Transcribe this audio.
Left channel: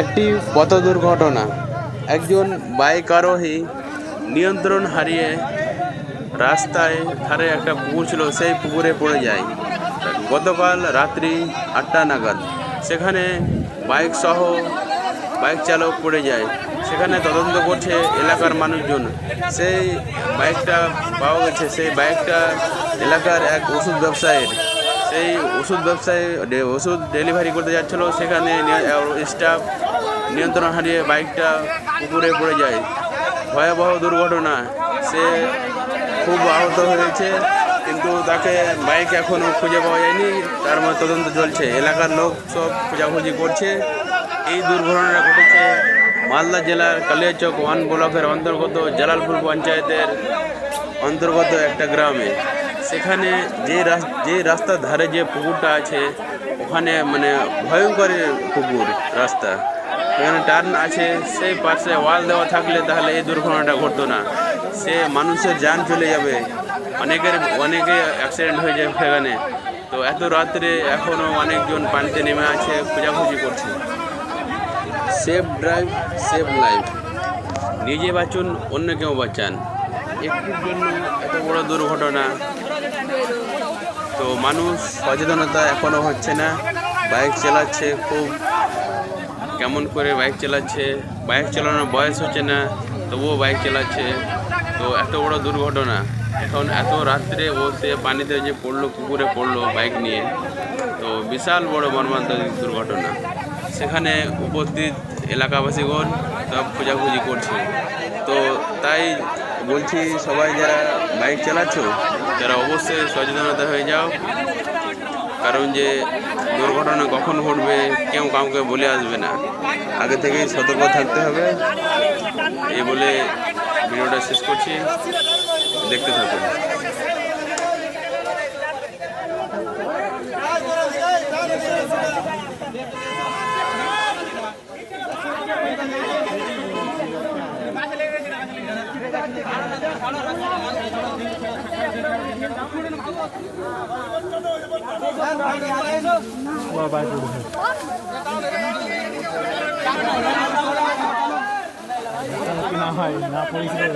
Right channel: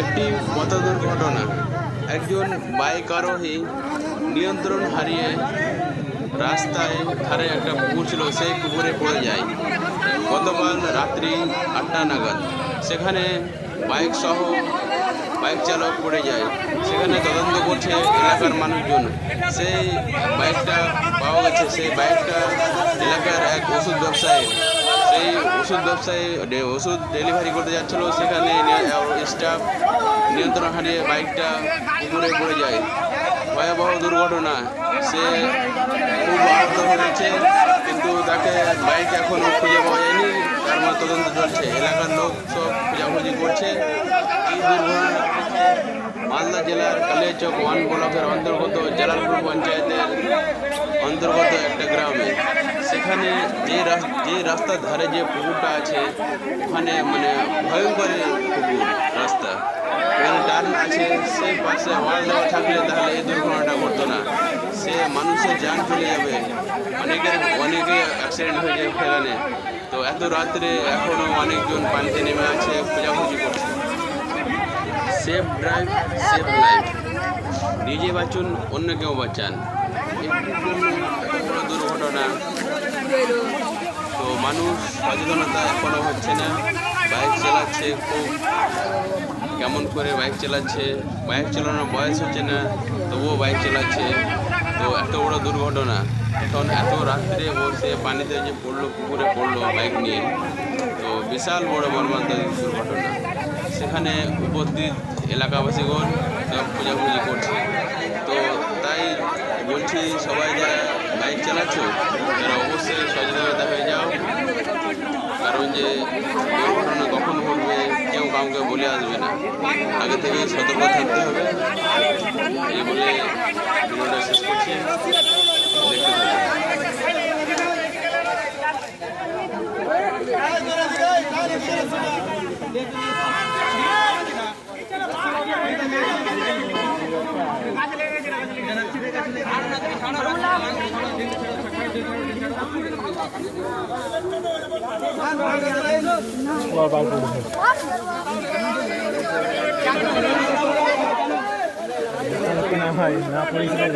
একটি পথ দুর্ঘটনা। একজন বাইক আরোহী নিয়ন্ত্রণ হারিয়ে রাস্তায় ধারে একটা পুকুর ছিল, সেই পুকুরে পড়ে যায় গতকাল রাত্রি 8টা নাগাদ। সেখানে বাইক চালক পড়ে যায়। সেখানে তদন্ত করছে এলাকার মানুষজন। সেই বাইকটা পাওয়া গেছে, সেই বাইকটা এলাকার এক ওষুধ ব্যবসায়ীর। সেই ওষুধ ওষুধ ডেলিভারি করতে যাচ্ছিল, সেখানে স্টাফ নিয়ন্ত্রণ হারিয়ে বাইকটা পুকুরে পড়ে যায়। ভয়াবহ দুর্ঘটনা। সে খুব আহত হয়েছে, কিন্তু তাকে বাইক এখনও খুঁজে পাওয়া যায়নি। তার মধ্যে তদন্ত চলছে, এলাকার লোক সব খোঁজাখুঁজি করছে। এই দুর্ঘটনাটা ঘটেছে মালদা জেলার কালিয়াচক 1 ব্লকের অন্তর্গত জালালপুর পঞ্চায়েতের অন্তর্গত একটা গ্রামে। সেখানে যে রাস্তার ধারে যে পুকুরটা আছে, ওখানে মানে ভয়ঙ্কর পুকুর রাস্তা, এখানে টার্ন আছে। সেই পাশে ওয়াল দেওয়া থাকলে তাহলে এই দুর্ঘটনাটা ঘটতো না। সে মানুষের যান চলে যাবে, অনেকে অ্যাক্সিডেন্ট হয়ে যায় সেখানে। তো এত রাত্রে এখনও অনেকজন পানিতে নেমে আছে, খোঁজাখুঁজি করছে। Safe drive, safe life. নিজে বাঁচুন, অন্য কেউ বাঁচান। একটুর জন্য এত বড় দুর্ঘটনা। তো মানুষ সচেতনতা এখনও হচ্ছে না। বাইক চালাচ্ছে খুব কেমন করে বাইক চালাচ্ছে, বাইক চালানোর বয়স হচ্ছে না, তবুও বাইক চালাচ্ছে। তো এত বড় দুর্ঘটনা। এখন এত রাত্রে বলতে পানিতে যে পড়লো, পুকুরে পড়লো বাইক নিয়ে, তো বিশাল বড় মর্মান্তিক দুর্ঘটনা। সেখানে উপস্থিত এলাকাবাসীগণ সব খোঁজাখুঁজি করছে। তো তাই বলছি, সবাই যারা বাইক চালাচ্ছ তারা অবশ্যই সচেতনতা হয়ে যাও। কারণ যে দুর্ঘটনা কখন ঘটবে কেউ কাউকে বলে আসবে না, আগে থেকেই সতর্ক থাকতে হবে। এই বলে ভিডিওটা শেষ করছি, দেখতে থাকুন। না হয় না পরিষ্কার